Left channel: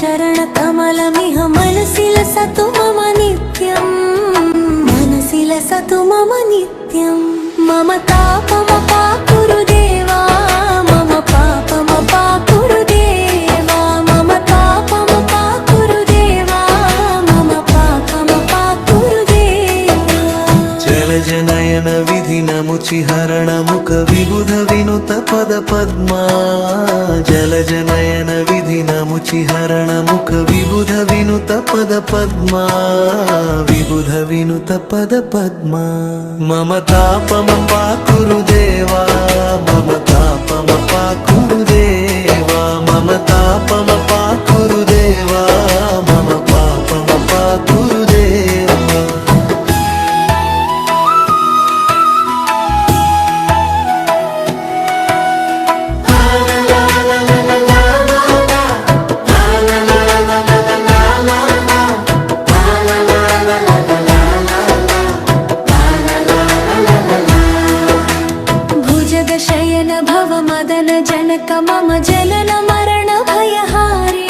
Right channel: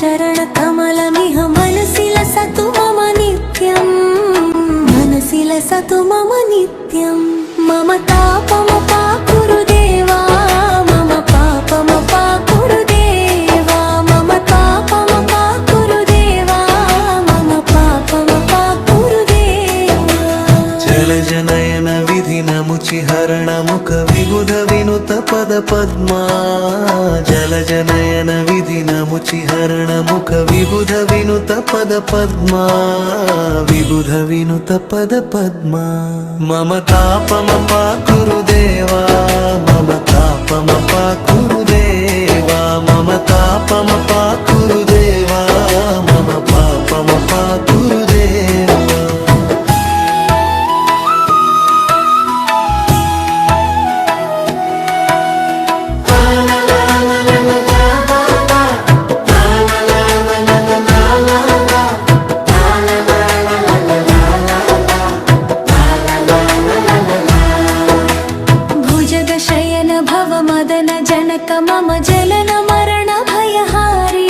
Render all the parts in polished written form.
चरणकमलमिह मनसि लसतु मम नित्यम् मनसि लसतु मम नित्यम् मम तापमपाकुरु देवा मम पापमपाकुरु देवा मम तापमपाकुरु देवा मम पापमपाकुरु देवा जलजनयन विधिनमुचिहरण मुख विबुध विनुत पद पद्मा जलजनयन विधिनमुचिहरण मुख विबुध विनुत पद पद्मा विबुध विनुत पद पद्मा मम तापमपाकुरु देवा मम तापमपाकुरु देवा मम तापमपाकुरु देवा मम पापमपाकुरु देवा भुजगशयन भव मदन जनक मम जनन मरण भयहारी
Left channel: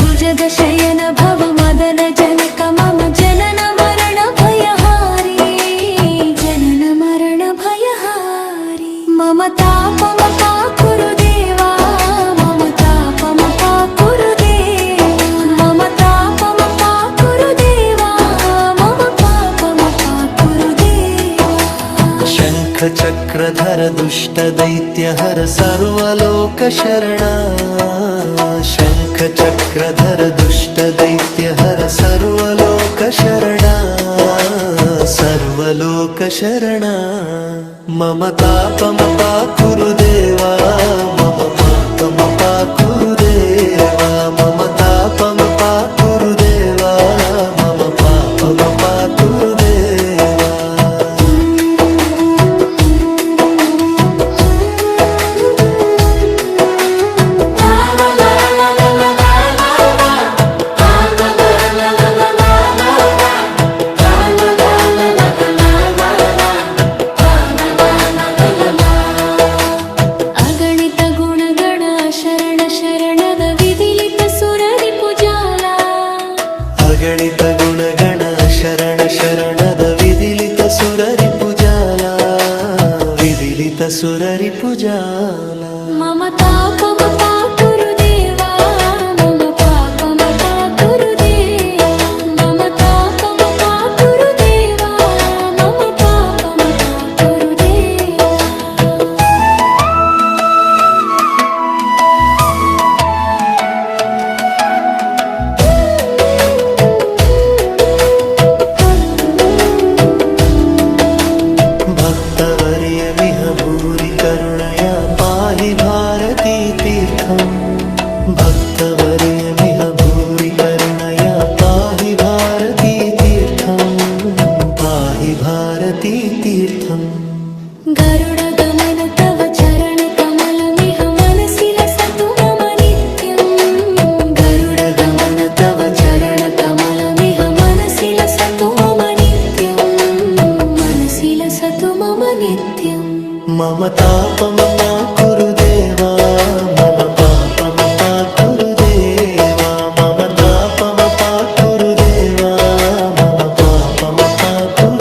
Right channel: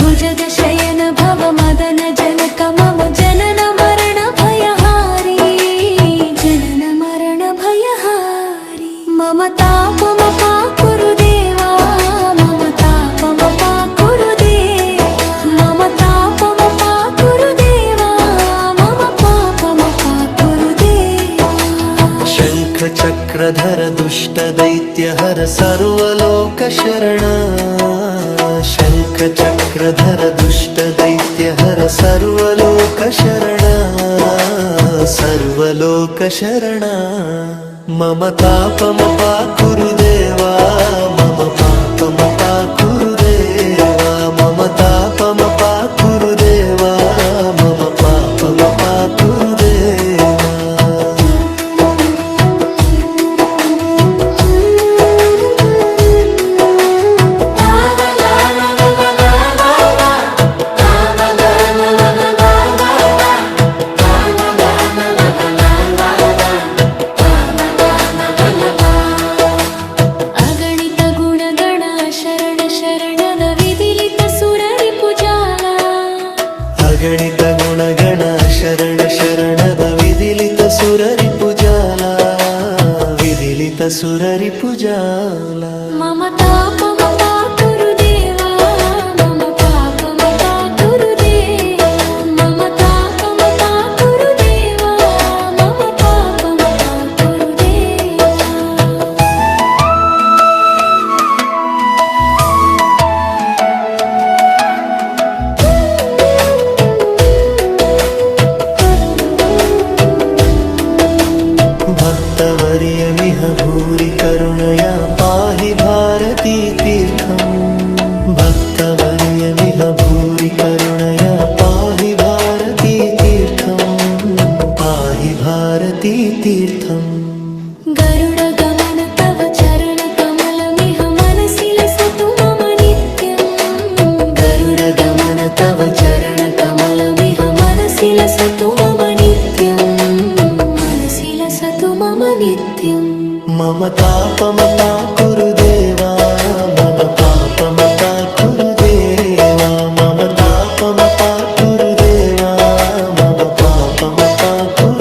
भुजगशयन भव मदन जनक मम जनन मरण भयहारी जनन मरण भयहारी मम तापमपाकुरु देवा मम तापमपाकुरु देवा मम तापमपाकुरु देवा मम पापमपाकुरु देवा शंख चक्रधर दुष्ट दैत्य हर सर्वलोक शरण शंख चक्रधर दुष्ट दैत्य हर सर्वलोक शरण सर्वलोक शरण मम तापमपाकुरु देवा मम पापमपाकुरु देवा मम तापमपाकुरु देवा मम पापमपाकुरु देवा ಶರಣ ಶರಣದ ವಿದಿಲಿತ ಸುರರಿ ಪುಜಾಲ ಅಗಣಿತ ಗುಣಗಣ ಶರಣ ಶರಣದ ವಿದಿಲಿತ ಸುರರಿ ಪುಜಾಲ ವಿದಿಲಿತ ಸುರರಿ ಪುಜಾಲ ಮಮ ತಾಪಮಪಾಕುರು ದೇವಾ ಮಮ ಪಾಪಮಪಾಕುರು ದೇವಾ ಮಮ ತಾಪಮಪಾಕುರು ದೇವಾ ಮಮ ಪಾಪಮಪಾಕುರು ದೇವಾ भक्तवर्यमिह भूरि करुणया पाहि भारती तीर्थम् भक्तवर्यमिह भूरि करुणया पाहि भारती तीर्थम् पाहि भारती तीर्थम् गरुड गमन तव चरण कमलमिह मनसि लसतु मम नित्यम् गरुड गमन तव चरण कमलमिह मनसि लसतु मम नित्यम् मनसि लसतु मम नित्यम् मम तापमपाकुरु देवा मम पापमपाकुरु देवा मम तापमपाकुरु देवा मम पापमपाकुरु